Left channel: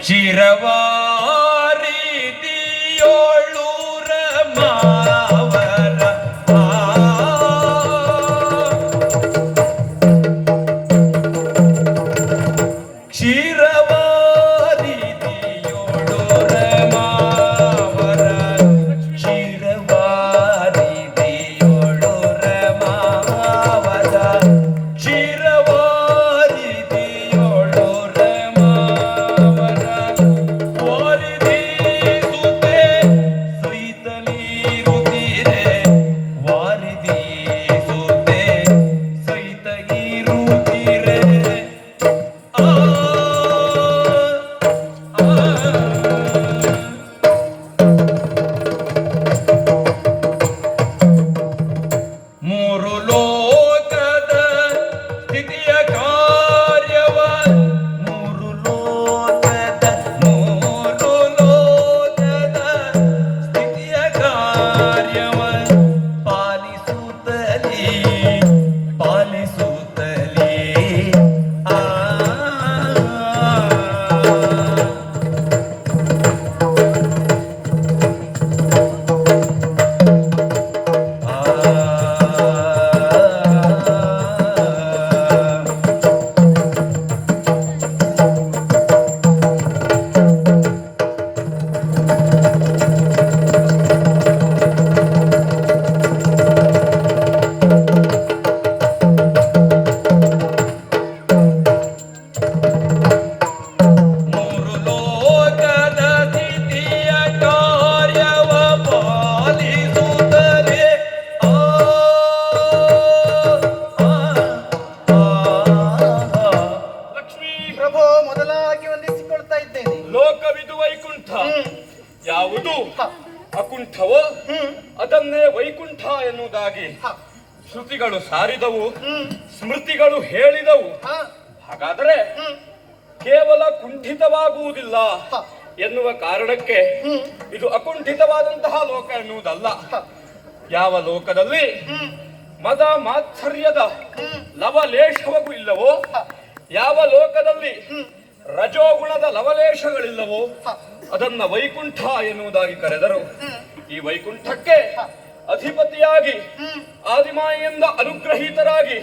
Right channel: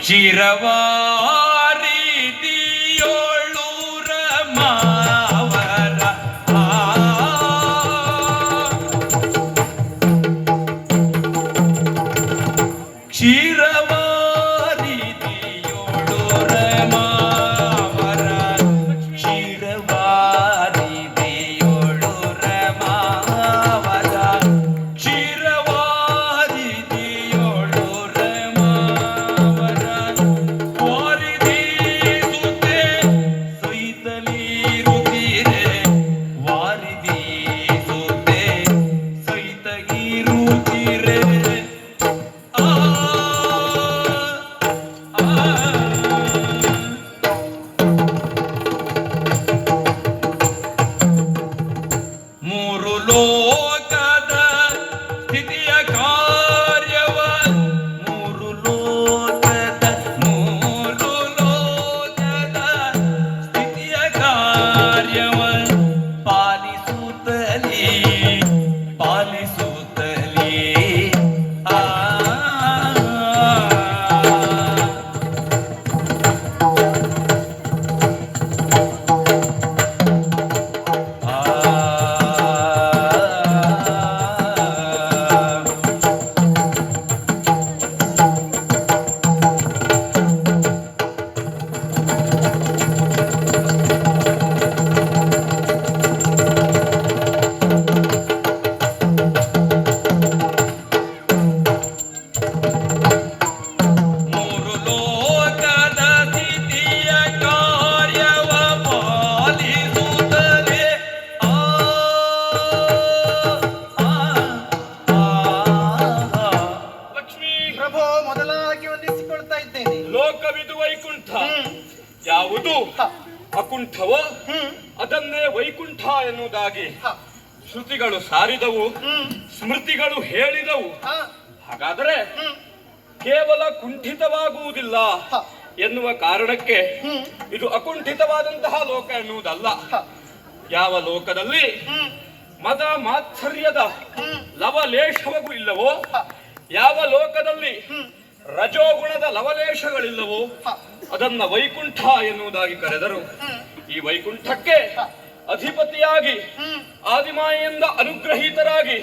ಚಿರವಾರಿದಿಯೋಳೂರ ಅದನ್ನೇ ವೈಕುಂಠ ಎನ್ನುವುದಾಗಿ ಶ್ರುತಿಗಳು ಸಾರಿದವು ಸ್ಮೃತಿಗಳು ಹೇಳಿದವು. ಹಾಗಾದರೆ ಕೇವಲ ಕುಂಠಿತವಾಗುವುದಿಲ್ಲ ಎನ್ನುವ ಕಾರಣಕ್ಕೆ ಇದು ಅಕುಂಠಿತವಾದಂತಹ ಲೋಕ ಎನ್ನುವುದಲ್ಲ. ಯಾವ ಲೋಕದಲ್ಲಿ ಮದ ಮಾತ್ಸರ್ಯದ ಲವಲೇಶವಗೂ ಲವಲೇಶವೂ ಇಲ್ಲವೋ? ಯಾವ ಲೋಕದಲ್ಲಿ ರಜೋಗುಣದ ಲವಲೇಶಗಳಿಲ್ಲವೋ ಅದನ್ನ ವೈಕುಂಠ ಎನ್ನುವುದಾಗಿ ಕರೆದರು. ಈ ವೈಕುಂಠಕ್ಕೆ ಅಧಿಪತಿಯಾಗಿ, ಆದಿಮಾಯಿಂದ ಅನುಗ್ರಹೀತರಾಗಿ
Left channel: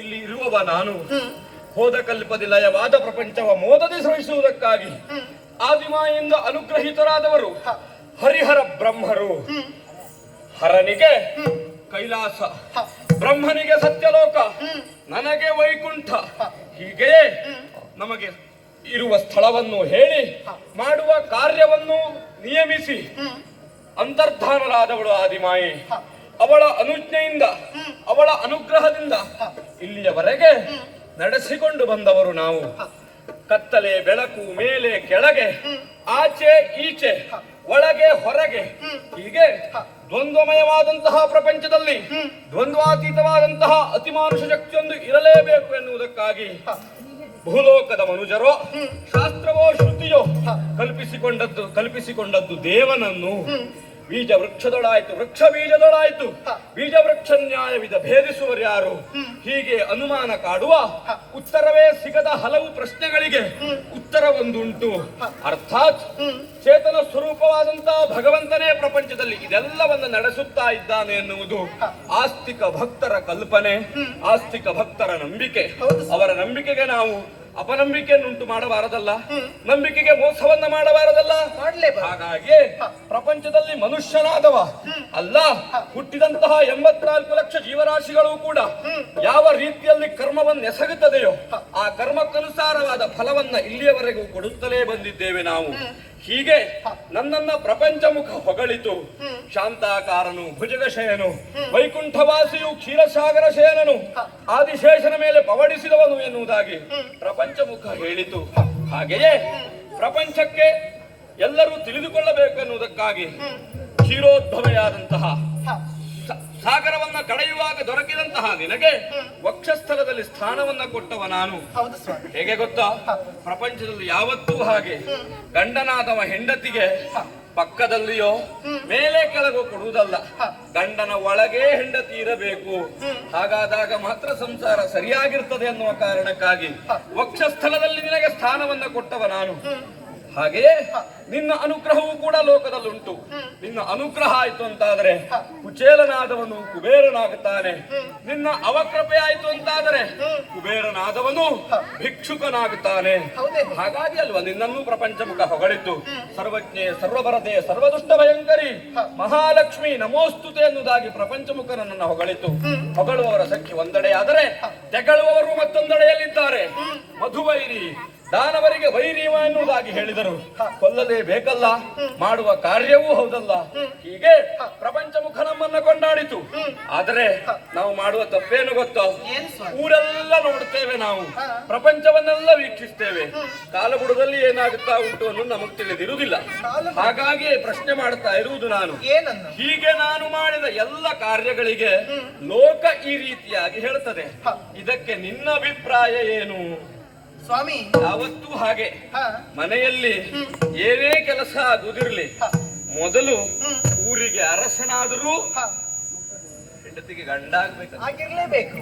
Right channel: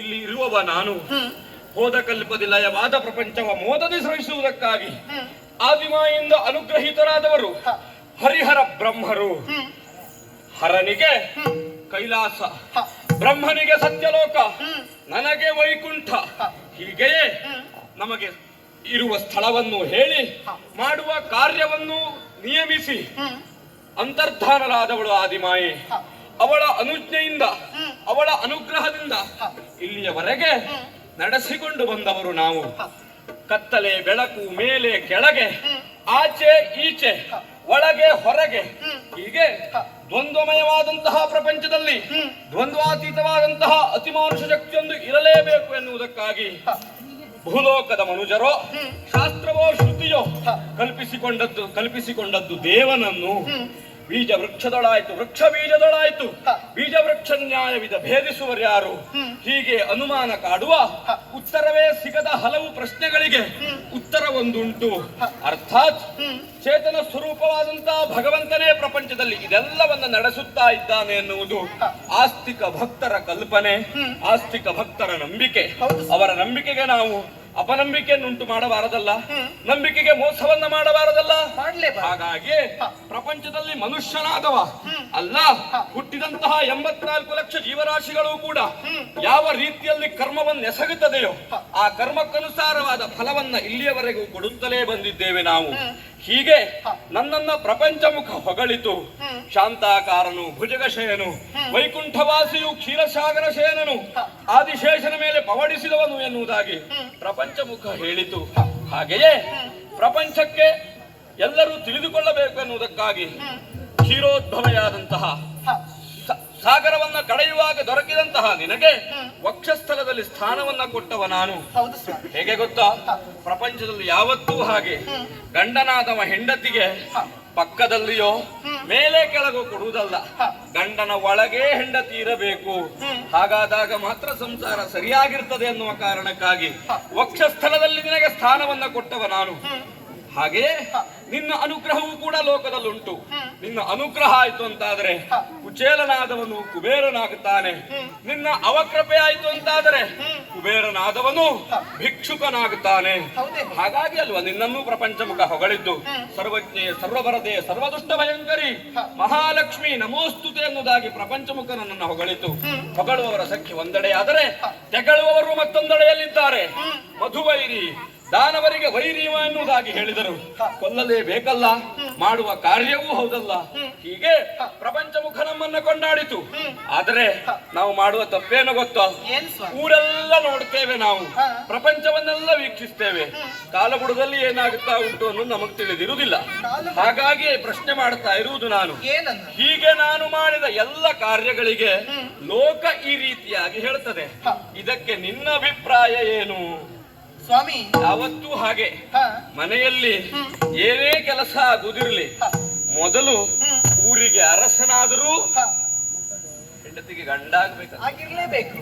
ಇಲ್ಲಿ ಇರುವವ ನಾನು. ಹೋದ ಕಲ್ಪದಿ ಲಯವಾದ ಪ್ರಪಂಚವ ಮೋದದಿ ಸಹಿಸುವುದಕ್ಕಾಗಿ ಆದಿಮಾಯಿಂದ ಅನುಗ್ರಹೀತರಾದವರು ಹರಿಹರ ಬ್ರಹ್ಮರು. ಹರನಿಗೆ ಕೈಲಾಸ, ಬ್ರಹ್ಮನಿಗೆ ಸತ್ಯಲೋಕ, ನನಗೆ ವೈಕುಂಠ. ಹೀಗೆಯೇ ನಮಗೆ ಇರುವ ಸ್ಥಳವನ್ನು ಹೇಳಿ, ಮಾಡುವ ಕಾರ್ಯವನ್ನು ನಿಯಮಿಸಿ ಅಂತರ್ಧಾನರಾದವಳು ಆದಿಮಾಯಿ. ಅವಳ ಅನುಜ್ಞೆಯಿಂದ ಅವಳ ಅನುಗ್ರಹದಿಂದ ಇಲ್ಲಿಯವರೆಗೆ. ನಡೆಸಿಕೊಂಡು ಬಂದವರು ನಾವು. ಕತ್ತಲೆ ಬೆಳಕು ಮೇಲೆ ಕೆಳಗೆ ಆಚೆ ಈಚೆ ಒಳಗೆ ಹೊರಗೆ. ಹೀಗೆ. ದ್ವಂದ್ವಮಯವಾದಂತಹ ಪ್ರಪಂಚದಲ್ಲಿ. ದ್ವಂದ್ವಾತೀತವಾದಂತಹ ಅತಿಮಾನುಷ ಶಕ್ತಿಯೊಂದು ಇರಲೇಬೇಕು ಎನ್ನುವುದಕ್ಕಾಗಿ ಭೂಲೋಕದ ಮನುಜರೋ ಶಾಸ್ತ್ರವೋ ಶ್ರುತಿಯೋ ಕಲ್ಪಿಸಿಕೊಂಡದ್ದು ಕಲ್ಪಿಸಿಕೊಂಡದ್ದು ದೇವನನ್ನು. ಬೀಜ ವೃಕ್ಷದೊಳಾಯ್ತು ವೃಕ್ಷ ಬೀಜದೊಳಾಯ್ತು. ಬೀಜ ವೃಕ್ಷ ನ್ಯಾಯವಿದ ಭೇದಿಸುವರು ಯಾರು ಹೀಗೆ ಅನುಮಾನ ಕಾಡುವ ಉತ್ತರವೇ ಸಿಗದ ಹಲವು ಪ್ರಶ್ನೆಗಳಿಗೆ. ಉತ್ತರ ಒಂದುಂಟು ಅರ್ಥಾತ್ ಚೇತನ ಸ್ವರೂಪವಾದಂತಹ ಭಗವಂತನೇ ಪ್ರಪಂಚದಲ್ಲಿ ಇದೆಲ್ಲವನ್ನು ನಡೆಸುತ್ತಾ ಇದ್ದಾನೆ ಎನ್ನುವುದು. ಆಸ್ತಿಕ ಭಕ್ತರ ಕಲ್ಪನೆ. ಆಸ್ತಿಕ ಭಕ್ತರ ನಂಬಿಕೆ. ಅವರ ನಂಬಿಕೆಗೆ ನಾವು ಅಪನಂಬಿಕೆಯನ್ನುಂಟು ಮಾಡಬಾರದಲ್ಲ? ಹ್ಮ್. ನಂಬಿಕೆಗೆ ಮೋಸವನ್ನ ಮಾಡಬಾರದಲ್ಲ? ಮಾಡಲೇ ಹಾಗಾಗಿ ಪ್ರಪಂಚದಲ್ಲಿ ಮನುಷ್ಯನಾದವ. ಅಲ್ಲ. ಹುಟ್ಟಿದಂತಹ ಎಂಬತ್ನಾಲ್ಕು ಲಕ್ಷ ಜೀವರಾಶಿಗಳು ಕೂಡ ಯಾವ ರೀತಿಯಲ್ಲಿ ಕರ್ಮವನ್ನು ಎಸಗುತ್ತದೆಯೋ ಆ ಕರ್ಮಕ್ಕನುಸಾರವಾದ ಫಲವನ್ನ ಇಲ್ಲಿಯವರೆಗೂ ಕೊಡುತ್ತಲೇ ಬಂದಿದ್ದೇವೆ ನಾವು. ಹೀಗೆ ನನ್ನನ್ನ ಪ್ರಪಂಚ ಪ್ರಪಂಚಮುಖ ಹೊಗಳಿತು. ಶಾಂತಾಕಾರನು ಭುಜಗಶಯನು. ವೈಕುಂಠವಾಸಿಯು ಕ್ಷೀರಸಾಗರ ಶಯನನು ಆದಿಶೇಷನ ಮೇಲೆ ಪವಡಿಸಿದವನು ಎನ್ನುವುದಾಗಿ ಪ್ರಪಂಚ ಮುಖ ಹೇಳಿತು. ಹಾಗೆಯೇ ಪ್ರಪಂಚಕ್ಕೆ ಎಲ್ಲರೂ ತಿಳಿದುಕೊಳ್ಳಬೇಕು ಎನ್ನುವುದಕ್ಕಾಗಿ ಹ್ಮ್, ಕ್ಷೀರೋದ್ಭವೆಯಾದಂತಹ ಸಾಗರವನ್ನ ಕಳೆಯುವಾಗ ದೊರಕಿದಂತಹ ನಿನಗೆ ವಕ್ಷಸ್ಥಳದಲ್ಲಿ ವಕ್ಷಸ್ಥಲದಲ್ಲಿ ಸ್ಥಾನವನ್ನ ಕೊಟ್ಟವ ನಾನು. ಹೇಗೆ ಗೊತ್ತಾ? ಪ್ರಪಂಚದಲ್ಲಿ ಯಾವತ್ತೂ ಹಾಗೆ. ಗಂಡನಾದವ ಹೆಂಡತಿಗೆ ಪಕ್ಕದಲ್ಲಿಯೋ ಮೇಲೆ ಕೆಳಗು ಕೊಡುವುದಲ್ಲ. ಗಂಡನ ಒಳಗೆ ಹೆಂಡತಿ ಇರಬೇಕು. ಹಾಗಾದಾಗ ಮಾತ್ರ ಸಂಸಾರ ಸರಿಯಾಗಿರ್ತದೆ ಎನ್ನುವ ಕಾರಣಕ್ಕಾಗಿ ವಕ್ಷಸ್ಥಳದಲ್ಲಿ ನಿನಗೆ ಸ್ಥಾನವನ್ನ ಕೊಟ್ಟವ ನಾನು. ಹಾಗೆಯೇ ನಿನ್ನ ಅನುಗ್ರಹವೂ ಕೂಡ ಲೋಕದಲ್ಲುಂಟು. ನಿನ್ನ ಅನುಗ್ರಹ ಆಯ್ತು ಅಂತಾದರೆ ಕುಚೇಲನಾದವನು ಕುಬೇರನಾಗುತ್ತಾನೆ. ನಿನ್ನ ಅವಕೃಪೆ ಆಯ್ತು ಅಂತಾದರೆ ಕುಬೇರನಾದವನು ಭಿಕ್ಷುಕನಾಗುತ್ತಾನೆ. ಹಾಗಾಗಿ ಅಲ್ವಾ ನಿನ್ನನ್ನು ಪ್ರಪಂಚ ಮುಖ ಹೊಗಳಿದ್ದು ಸರ್ವಜ್ಞೆ ಸರ್ವಭರತೆ ಸರ್ವದುಷ್ಟ ಭಯಂಕರಿ ಮಹಾಲಕ್ಷ್ಮಿ ನಮೋಸ್ತುತೆ ಎನ್ನುವುದಾಗಿ ಪ್ರಪಂಚ ಮುಖ ನನ್ನನ್ನು ಹೊಗಳಿತು. ಹೊಗಳುವವರ ಸಂಖ್ಯೆ ಒಂದೆಡೆಯಾದರೆ ತೆಗಳುವವರು ಮತ್ತೊಂದೆಡೆಯಲ್ಲಿದ್ದಾರೆ. ಮಧುವೈರಿ ದಾನವರಿಗೆ ವೈರಿವ ಎನ್ನುವುದಾಗಿ ಹೇಳಿದರು. ಕೊಲ್ಲಲೇಬೇಕಲ್ಲ? ಮಾಡುವ ಕಾರ್ಯವೂ ಹೌದಲ್ಲ? ಹೀಗೆ ಪ್ರಪಂಚ ಮುಖ ನಮ್ಮನ್ನ ಕೊಂಡಾಡಿತು. ಆದರೆ ನಾವು ಮಾಡುವ ತಪ್ಪೇನು ಗೊತ್ತೋ? ಊರೆಲ್ಲ ನೋಡ್ತೇವೆ ನಾವು. ಪ್ರಪಂಚವನ್ನೆಲ್ಲ ವೀಕ್ಷಿಸ್ತೇವೆ. ಕಾಲಗುಡದಲ್ಲಿ ಏನಾಗುತ್ತಾ ಉಂಟು ಅನ್ನೋದು ನಮಗೆ ತಿಳಿದಿರುವುದಿಲ್ಲ. ಹಾಗಾಗಿ ಪ್ರಶ್ನೆ ಮಾಡುತ್ತಾ ಇರುವುದು ನಾನು. ಹೀಗೆ ನಾನು ಮಾಡಿದ ಎಲ್ಲ ಕಾರ್ಯಗಳಿಗೆ ಲೋಕ ಈ ರೀತಿಯಾಗಿ ಹೇಳ್ತದೆ. ಇದಕ್ಕೆ ನಿನ್ನ ಅಭಿಪ್ರಾಯ ಏನು? ಸ್ವಾಮಿ ಯಾವತ್ತೂ ಹಾಗೆ. ಹ. ಮನೆಯಲ್ಲಿ ಏನೇ ಕೆಲಸ ಆಗುದಿರ್ಲಿ ಮೊದಲು ಊರಿಗೆ ಅರಸನಾದರೂ ಹೆಂಡತಿಗೆ ಗಂಡ ಆಗ್ಬೇಕು. ಆಗಿರ್ಲೇಬೇಕು.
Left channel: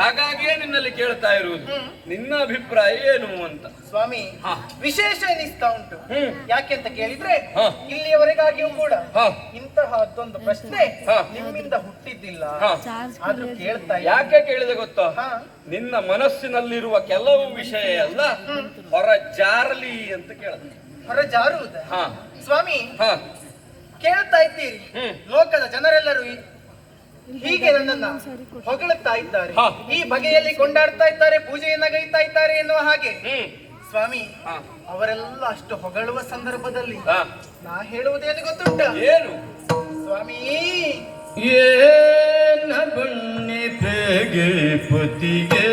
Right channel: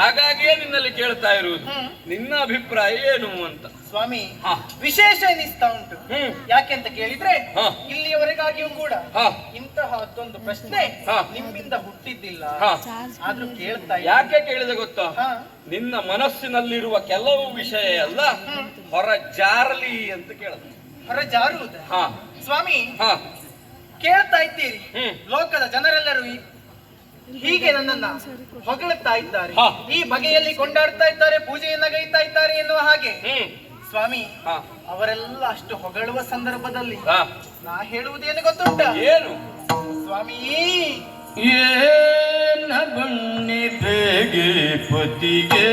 ಹಾಗಾಗಿಯೇ ನಿನ್ನಲ್ಲಿ ಕೇಳ್ತಾ ಇರುವುದು. ನಿನ್ನ ಅಭಿಪ್ರಾಯ ಏನು ಅಂತ? ಸ್ವಾಮಿ. ವಿಶೇಷ ಎನಿಸ್ತಾ ಉಂಟು? ಯಾಕೆ ಅಂತ ಕೇಳಿದ್ರೆ ಹ. ಇಲ್ಲಿಯವರೆಗಾಗಿಯೂ ಕೂಡ ಇಂತಹ ಅದೊಂದು ಪ್ರಶ್ನೆ. ನಿಮ್ಮಿಂದ ಹುಟ್ಟಿದ್ದಿಲ್ಲ. ಆದ್ರೂ ಕೇಳ್ತಾ ಯಾಕೆ ಕೇಳಿದೆ ಗೊತ್ತಾ. ನಿನ್ನ ಮನಸ್ಸಿನಲ್ಲಿರುವ ಕೆಲವು ವಿಷಯ ಎಲ್ಲ ಹೊರ ಜಾರಲಿ ಅಂತ ಕೇಳಿದೆ ಹೊರ ಜಾರುವುದ? ಹಾ. ಸ್ವಾಮಿ ಹಾ. ಕೇಳ್ತಾ ಇದ್ದೀರಿ. ಹ್ಮ್. ಲೋಕದ ಜನರೆಲ್ಲರೂ ಈ- ಹೀಗೆ ನನ್ನನ್ನ ಹೊಗಳುತ್ತಾ ಇದ್ದಾರೆ. ಹ. ಈ ಬಗೆಯಲ್ಲಿ ಕೊಂಡಾಡ್ತಾ ಇದ್ದಾರೆ ಪೂಜೆಯನ್ನ ಗೈತಾ ಇದ್ದಾರೆ ಎನ್ನುವ ಹಾಗೆ. ಹ್ಮ್. ಸ್ವಾಮಿ ಹಾ. ಅವರೆಲ್ಲ ಅಷ್ಟು ಹೊಗಳುವ ಸಂದರ್ಭದಲ್ಲಿ ಹಾ. ನಾ ಹೇಳುವುದೇನು ಗೊತ್ತುಂಟ? ಏನು? ಸ್ವಾಮಿ! ಏನ ಪತಿಗೆ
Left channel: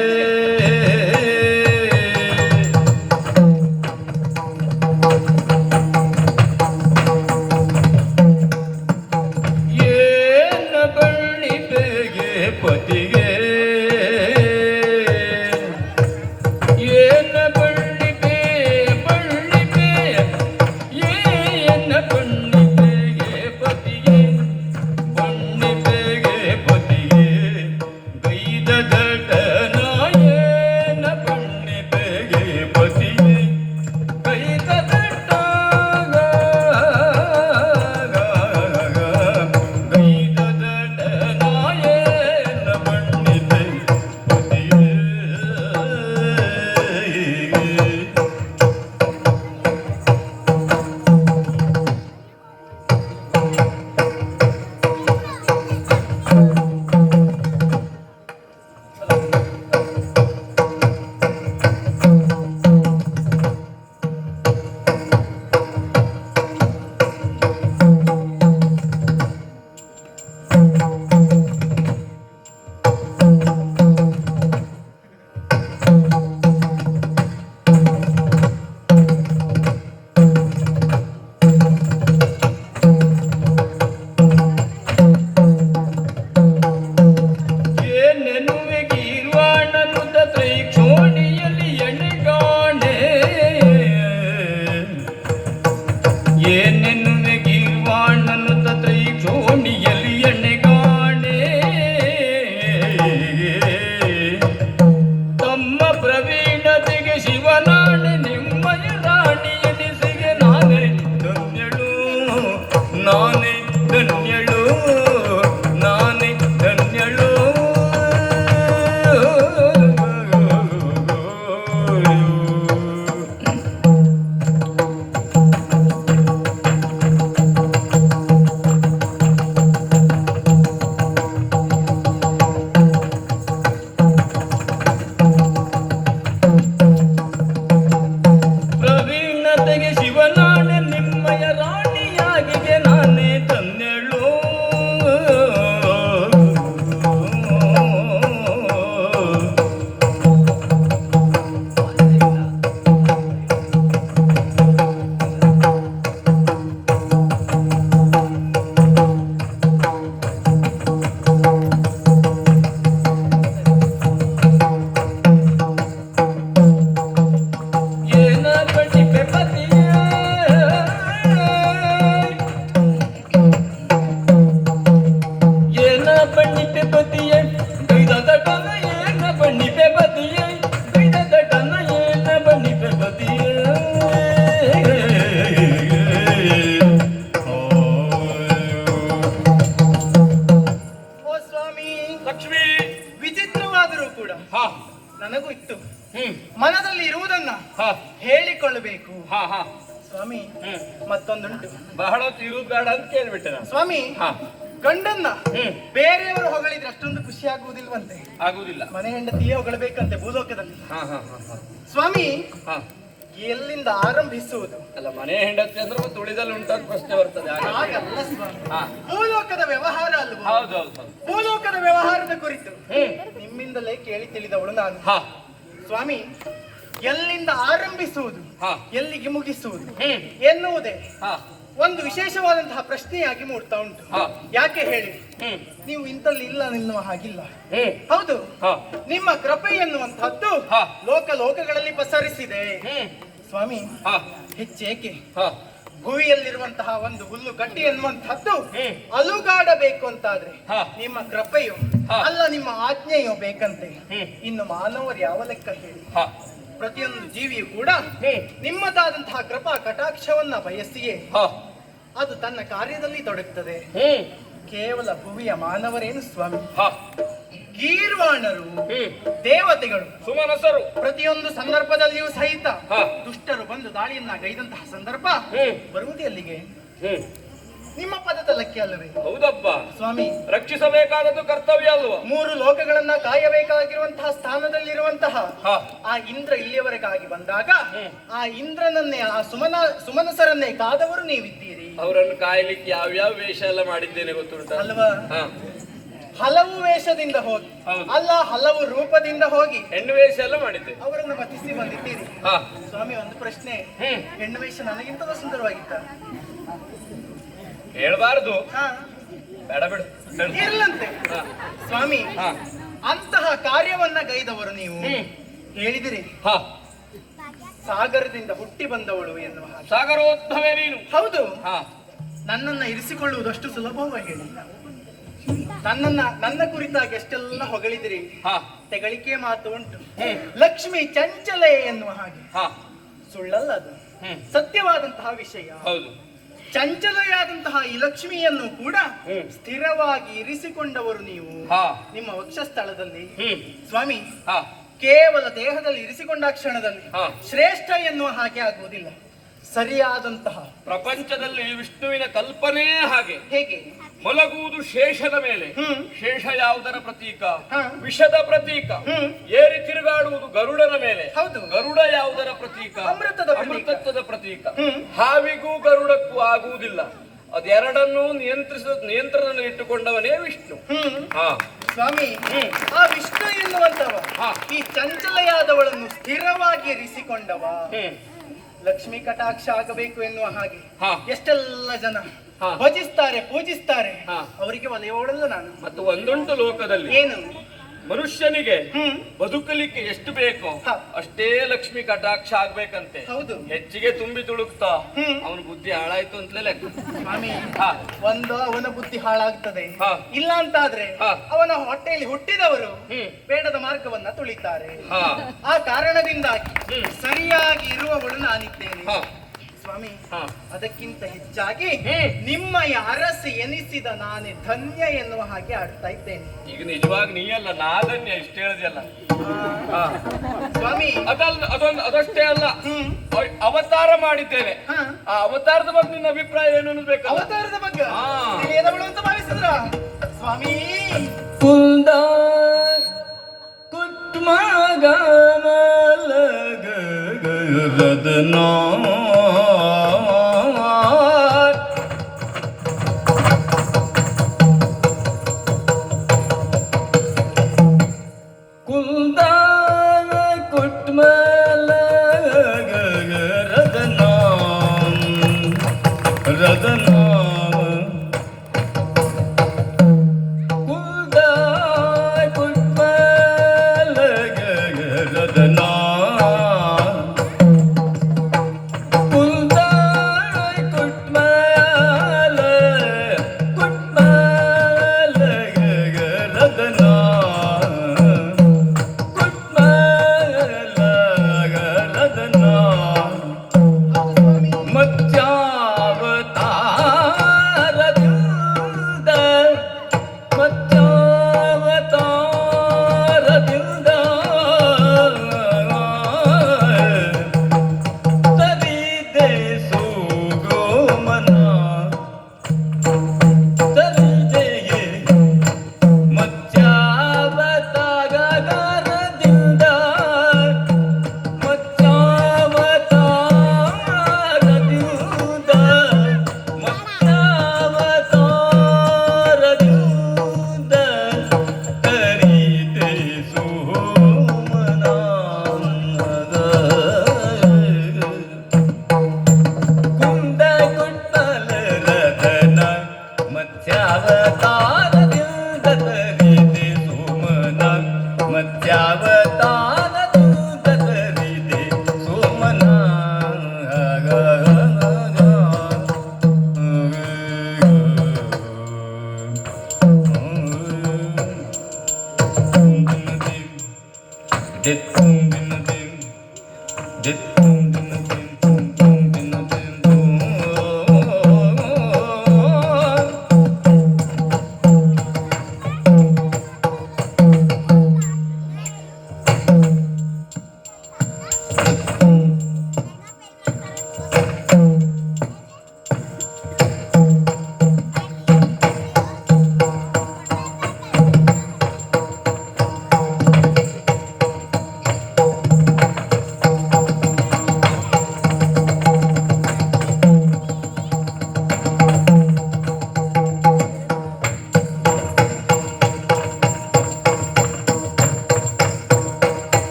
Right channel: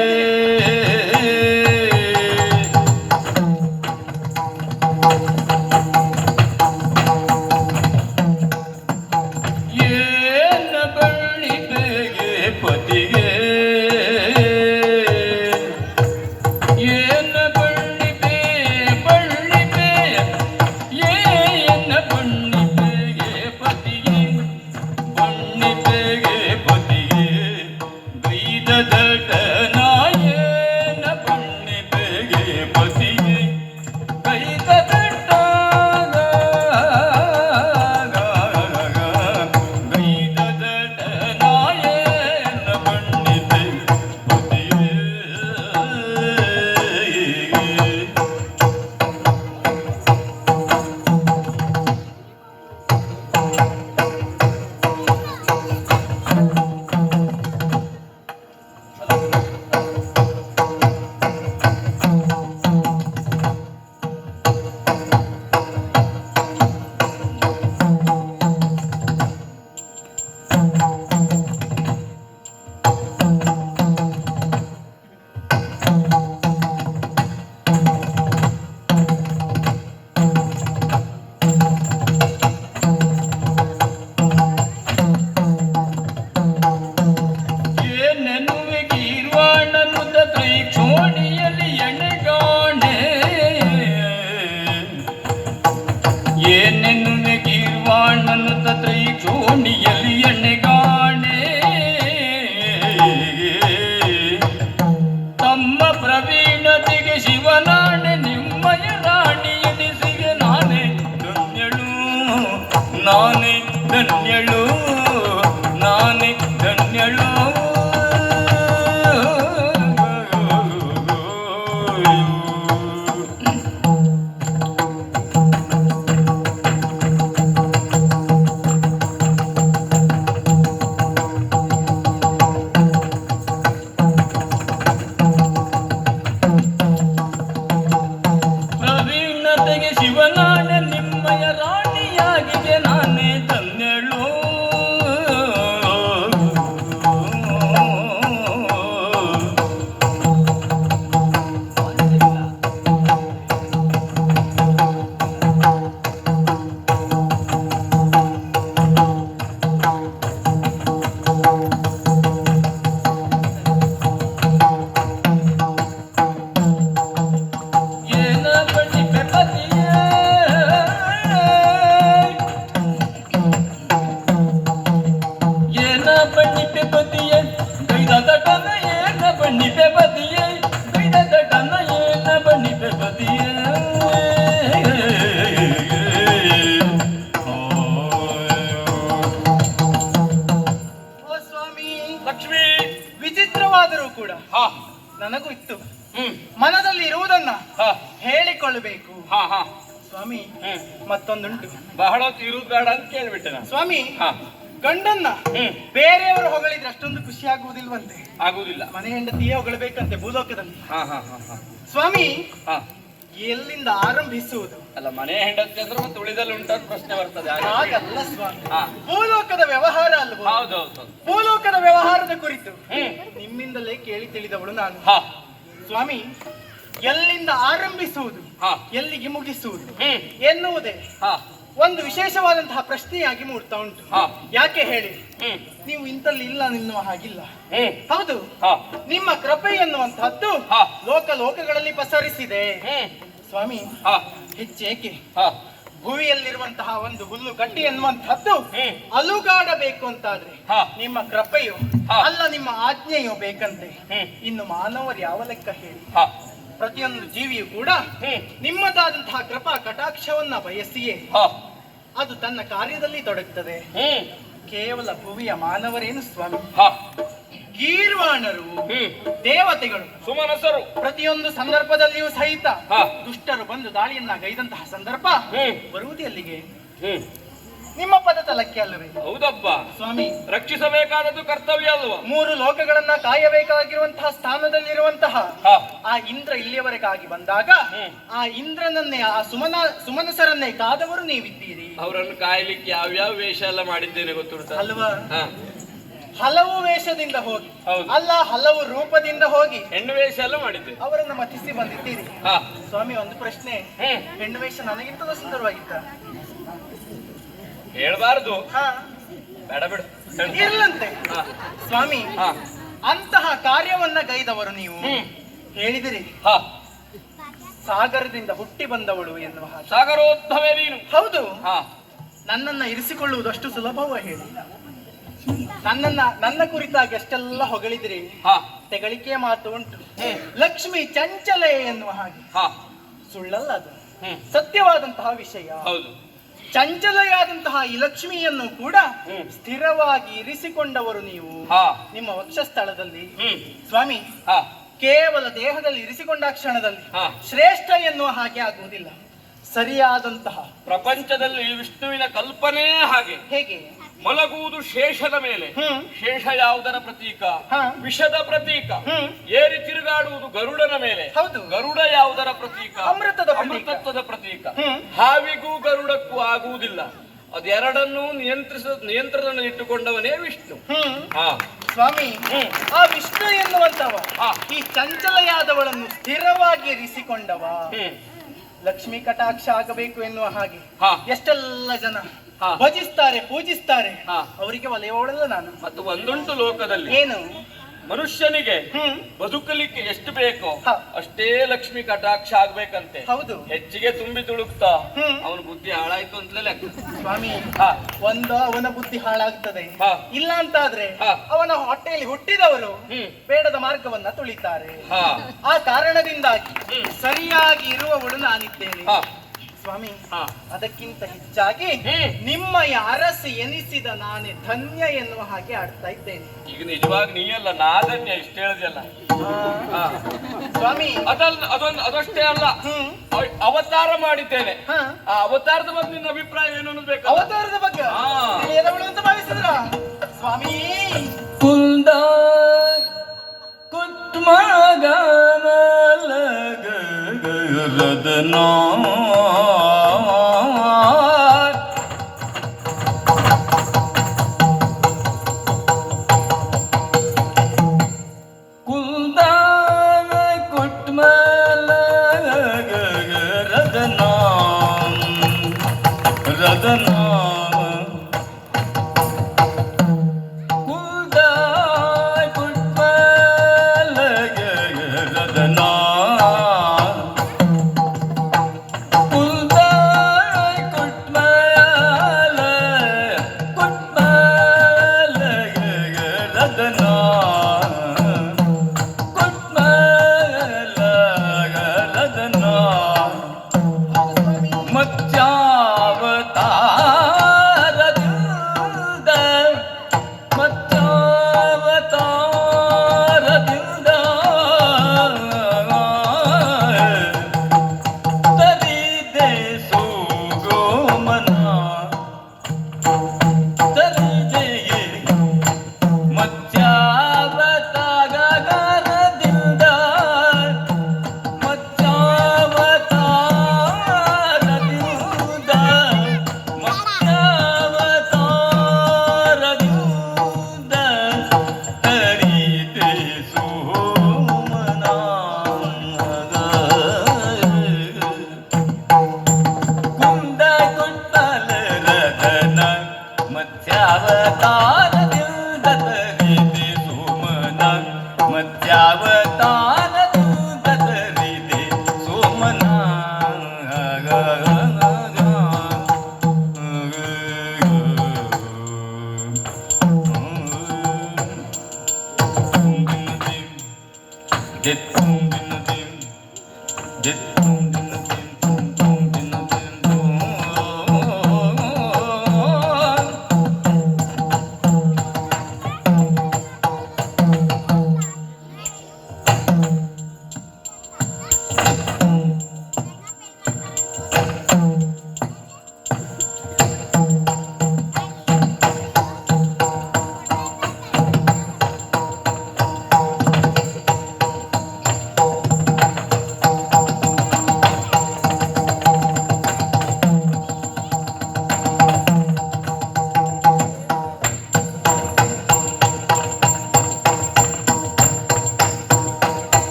ಮನೆ ಬೇಕಂತೆ ಭೂಲೋಕದಲ್ಲಿ? ಸ್ವಾಮಿ ಎಲ್ಲಿಂದ ಆರಂಭಿಸುವುದು? ಅಲ್ಲ ಮನೆ ಹೆಂಡತಿ ಅಂದ್ರೆ ಮತ್ತೆ ಉಳಿದಲ್ಲಿ ಉಂಟಂತ ಪ್ರಶ್ನೆ ಬರ್ತದೆ. ಹಾಗಲ್ಲ ಸ್ವಾಮಿ. ಭೂಲೋಕದ ವ್ಯವಹಾರ ಅಲ್ವಾ? ಹೌದು ಭೂಲೋಕದ ವ್ಯವಹಾರದ ಕುರಿತು. ನಿಮ್ಮಿಂದಲೇ ಕೇಳಿ ತಿಳಿದವಳು ನಾನು. ಸ್ವಾಮಿ ಎಲ್ಲಿಂದ ಆರಂಭಿಸುವುದು? ಹಾ. ಎಲ್ಲಿಗೆ ಮುಗಿಸುವುದು? ಎನ್ನುವುದೇ. ಹಾ. ಒಂದು ವಿಶೇಷವಾದಂತಹ ಪ್ರಶ್ನೆಯಾಗಿ ಮೂಡ್ತಾ ಉಂಟು. ಯಾಕೆ ಹೇಳಿ? ನೀವು ಇಂತಲ್ಲಿ ಇಲ್ಲ ನಿಲ್ಲುವ ಹಾಗಿಲ್ಲ. ಹೌದು. ನಿಮ್ಮ ಕೃಪೆ ಎನ್ನುವಂತಹದ್ದು. ಲೋಕ ಲೋಕಗಳಲ್ಲಿ ಪಸರಿಸಿದೆ. ಸ್ವಾಮಿ ಹಾ. ಹೆಚ್ಚೇಕೆ? ಹಾ. ಭೂಮಿಯಲ್ಲಿರುವಂತಹ ಒಂದು ಹುಲ್ಲು ಗಟ್ಟಿ ಎನ್ನುವಂತಹದ್ದು. ಅಲುಗಾಡಬೇಕು ಅಂತಾದ್ರೆ. ನಿಮ್ಮ ಕೃಪೆಯು. ಅಲ್ಲ ನಿಮ್ಮ ಆಜ್ಞೆಯು ಬೇಕಂತೆ. ಇನ್ನು ಮಾನವರು ಯಾವ ಲೆಕ್ಕ ಹೇಳಿ? ಪ್ರತಿಯೊಂದು ಜೀವಿಯು ಕೂಡ ನಿಮ್ಮದಾದಂತಹ ಕೃಪಾ ಕಟಾಕ್ಷವನ್ನ ಬಯಸಿಯೇ. ಹಾ. ಅದು ತನ್ನ ಕಾರ್ಯದಲ್ಲಿ ತೊಡಗುತ್ತದೆ ಕೇವಲ ಭೂಮಿಯ ಮಾನವರೇನು ಸ್ವಾಮಿ? ಗೀರ್ವಾಣರು ದೇವತೆಗಳು ಸುಮನಸರು. ಪ್ರತಿಯೊಂದು ಸಂದರ್ಭದಲ್ಲಿಯೂ ಸಹಿತ ದುಷ್ಟರು ಬಂದು ದಾಳಿಯನ್ನ ಗೈದಂತಹ ಸಂದರ್ಭ ಹ್ಮ್. ಬರುವುದು ಎಲ್ಲಿಗೆ? ಹ್ಮ್ ಪದ ತಲಕ್ಕೆ ಅಲ್ಲವೇ? ಹೌದಪ್ಪ. ಸ್ವಾಮಿ. ರಕ್ಷಿಸಬೇಕಾದದ್ದು ಕರ್ತವ್ಯ ಅಲ್ವಾ? ಮೂರು ಲೋಕಗಳನ್ನ ಕಾಯಬೇಕಾಗಿರುವಂತಹ ಸ್ಥಾನದಲ್ಲಿರುವಂತಹ ಆ ಇಂದ್ರ ಇಲ್ಲಿಯವರೆಗಾಗಿ ಬಂದಾಗ ಆ ಇಂದ್ರನನ್ನೇ ಆ ಸುಮನ ಸುಮನಸರನ್ನೇ ಕಾದವರು ನೀವಿದ್ದೀರಿ. ಅವರನ್ನು ಕಾಯಲಿಕ್ಕೆ ಯಾವ್ಯಾವ ವೇಷ ಎಲ್ಲ ಮಾಡಿದ್ದೇನೆ ಗೊತ್ತುಂಟ? ಅಲ್ವಾ? ಹಾ. ಹಲವು ವೇಷದಿಂದ ಹೋಗಿ ಹೌದು. ಅಲ್ಲ ಹಲವು ರೂಪದಿಂದ ಹೋಗಿ ಹೆಣ್ಣು ವೇಷ ಎಲ್ಲ ಮಾಡಿದ್ದೆ ಅವರನ್ನು ಮತಿಸಿ ಬಂದಿದ್ದೀರಿ. ಸ್ವಾಮಿ ಒಂದು ಪ್ರಶ್ನೆ. ಹೆಣ್ಣು ವೇಷ ನನಗಿಂತಲೂ ಸುಂದರವಾಗಿತ್ತ? ಹೇಳ್ಬಾರ್ದು. ಹಾ. ಬೇಡ ಬಿಡು. ಇರ್ಲಂತೆ. ಸ್ವಾಮಿ ಅಂತಹ ಕಾರ್ಯವನ್ನ ಗೈದವರು ನೀವು. ಹೇಳಿದಿರಿ. ಹಾ. ಸಾಗರದಿಂದ ಹುಟ್ಟಿ ಬಂದವಳು ಎನ್ನುವ. ಸಾಗರೋದ್ಭವೇ ನೀನು. ಹೌದು. ಹಾ. ನನ್ನನ್ನ ಇರಿಸಿಕೊಳ್ಳುವುದಷ್ಟು ಸುಲಭವ ಹೇಳಿ. ನನ್ನನ್ನ ನನ್ನ ಕುರಿತಾಗಿ ಎಷ್ಟೆಲ್ಲ ಹೊಗಳಿದಿರಿ. ಹಾ. ತೆಗಳಿಕೆ ಮಾತು ಉಂಟು. ಲಕ್ಷ್ಮಿ ಚಂಚಲೆ ಎನ್ನುವ ಹಾಗೆ. ಹಾ. ಸುಳ್ಳಲ್ಲ ಅದು. ಹ್ಮ್. ಸತ್ಯವಾದಂತಹ ವಿಷಯ. ಹೌದು. ಚಂಚಲೆಯಾದಂತಹ ಈ ಲಕ್ಷ್ಮಿಯನ್ನು ಕೂಡ ಸ್ಥಿರವಾಗಿ ಇರಿಸಿಕೊಂಡವರು ನೀವು. ನಿಮ್ಮ ವಕ್ಷಸ್ಥಳದಲ್ಲಿ. ಸ್ವಾಮಿ ಕೇವಲ ದೇಹದಲ್ಲಿ ಇರಿಸಿಕೊಂಡ ಕ್ಷಣದಲ್ಲಿ. ಶ್ರೇಷ್ಠ ಎನ್ನುವ ಹಾಗೆ ಆಗುವುದಿಲ್ಲ. ಸರಿಯಾದಂತಹ ಪ್ರಪಂಚದಲ್ಲಿ ವಿಷ್ಣುವಿನ ಕಲ್ಪನೆ ಹಾಗೆ. ಹೇಗೆ? ಮಲಗುವುದು ಶೇಷದ ಮೇಲೆ. ಶೇಷ ಯಾವುದರ ಪ್ರತೀಕ? ವಿಷದ ಪ್ರತೀಕ. ಏರಿ ತಿರುಗಾಡುವುದು ಗರುಡನ ಮೇಲೆ. ಹೌದು. ಗರುಡ ಯಾವುದರ ಪ್ರತೀಕ? ಅಮೃತದ ಅಮೃತತ್ವದ ಪ್ರತೀಕ. ಹಾವಿಗೂ ಗರುಡಕ್ಕೂ ಆಗುವುದಿಲ್ಲ. ಅದೆರಡನ್ನೂ ನಿಯಂತ್ರಿಸ ನಿಯಂತ್ರಣದಲ್ಲಿ ಇಟ್ಟುಕೊಂಡವನೇ ವಿಷ್ಣು. ಹಾ. ಸ್ವಾಮಿ ಆ ವಿಷ್ಣು ಎನ್ನುವಂತವ. ಈ ಚಂಚಲೆಯಾದವಳನ್ನು ಸ್ಥಿರವಾಗಿ ಇರಿಸಿಕೊಂಡವ. ಲಕ್ಷ್ಮೀ ಕಟಾಕ್ಷ ಆಗಬೇಕು ಎನ್ನುವ ಹಾಗೆ. ಹಾ. ಎಷ್ಟೆಲ್ಲ ಜನ. ಭಜಿಸ್ತಾರೆ ಪೂಜಿಸ್ತಾರೆ. ಅವರಿಗೆ ಒಲೆಯೋಳಲ್ಲ ನಾನು ಮತ್ತು ಒಂದುಂಟು ಲೋಕದಲ್ಲಿ ಏನು? ಮನುಷ್ಯನಿಗೆ ಬದುಕಲಿಕ್ಕೆ ಎಷ್ಟು ಬೇಕೋ ಅಷ್ಟೇ ಲಕ್ಷ್ಮಿ ಕಟಾಕ್ಷ ಆಗ್ಬೇಕಂತೆ. ಹೌದು. ಹೆಚ್ಚಿಗೆ ತುಂಬಿ ತುಳುಕ್ತಾ. ಅವನ ಬುದ್ಧಿ ಹಾಳಾಯ್ತು ಅಂತಲೇ ಲೆಕ್ಕ. ಸ್ವಾಮಿ ಒಂದು ಅವನ ಬುದ್ಧಿ ಹಾಳಾಗ್ತದೆ. ಇಲ್ಲ ಅಂತ ಆದ್ರೆ ಅವನ ಹೊಟ್ಟೆಯಲ್ಲಿ ಹುಟ್ಟಿದವರು. ಬೇಡದ ಮಾರ್ಗವನ್ನ ತುಳಿತಾರೆ. ಆ ಕಾರಣದಿಂದಾಗಿ. ಸರಿಯಾಗಿ ಇರುವವಳು ನಾನಿದ್ದೇನೆ. ಸ್ವಾಮಿ ಹಾ. ಅದಕ್ಕಿಂತ ಹೆಚ್ಚಾಗಿ ನಿಮ್ಮ ಅರಸ ಎನಿಸಿದ ನಾನೇ ಧನ್ಯ ಎನ್ನುವ ಹಾಗೆ ಆಡ್ತಾ ಇದ್ದೇನೆ. ಈಗ ನಿಜವಾಗಿ ನೀಯಲ್ಲ ನಾದನ್ಯ ಇಷ್ಟ ಹೇಳಿದೆಯಲ್ಲ. ಸ್ವಾಮಿ. ಅದಲ್ಲ ಅದೊಂದು ಅದಷ್ಟೇ ಅಲ್ಲ. ಹ್ಮ್. ಅವ- ಅವತಾರ ಮಾಡಿದ್ದೇನೆ. ಹಾ. ಆ ಅವತಾರದ ಬಗ್ಗೆ ನಿನ್ನ ಅಭಿಪ್ರಾಯ ಏನು ಅನ್ಬೇಕು ಬೇಕಲ್ಲ? ಅವತಾರದ ಬಗ್ಗೆ. ತಿಳಿಯದವಳು ಅಂತ ಭಾವಿಸಿದ್ರ? ಸ್ವಾಮಿ. ಕುಂದ ಕುತ್ಮಗಮಲಗರದನ ಕುಂದ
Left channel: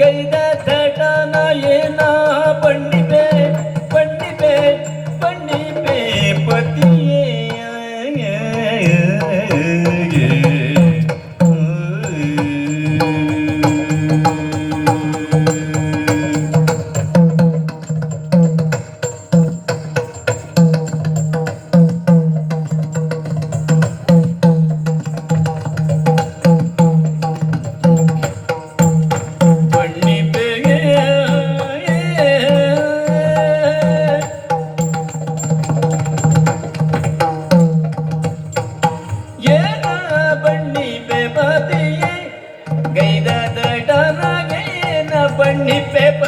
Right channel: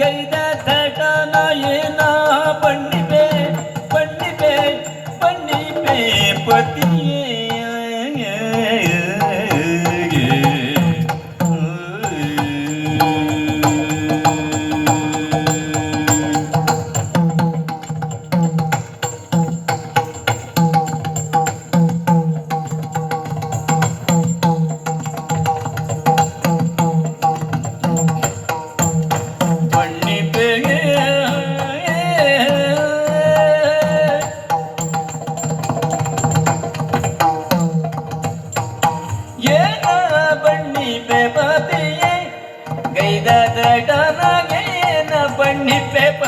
गई दे सेटा ना ये ना If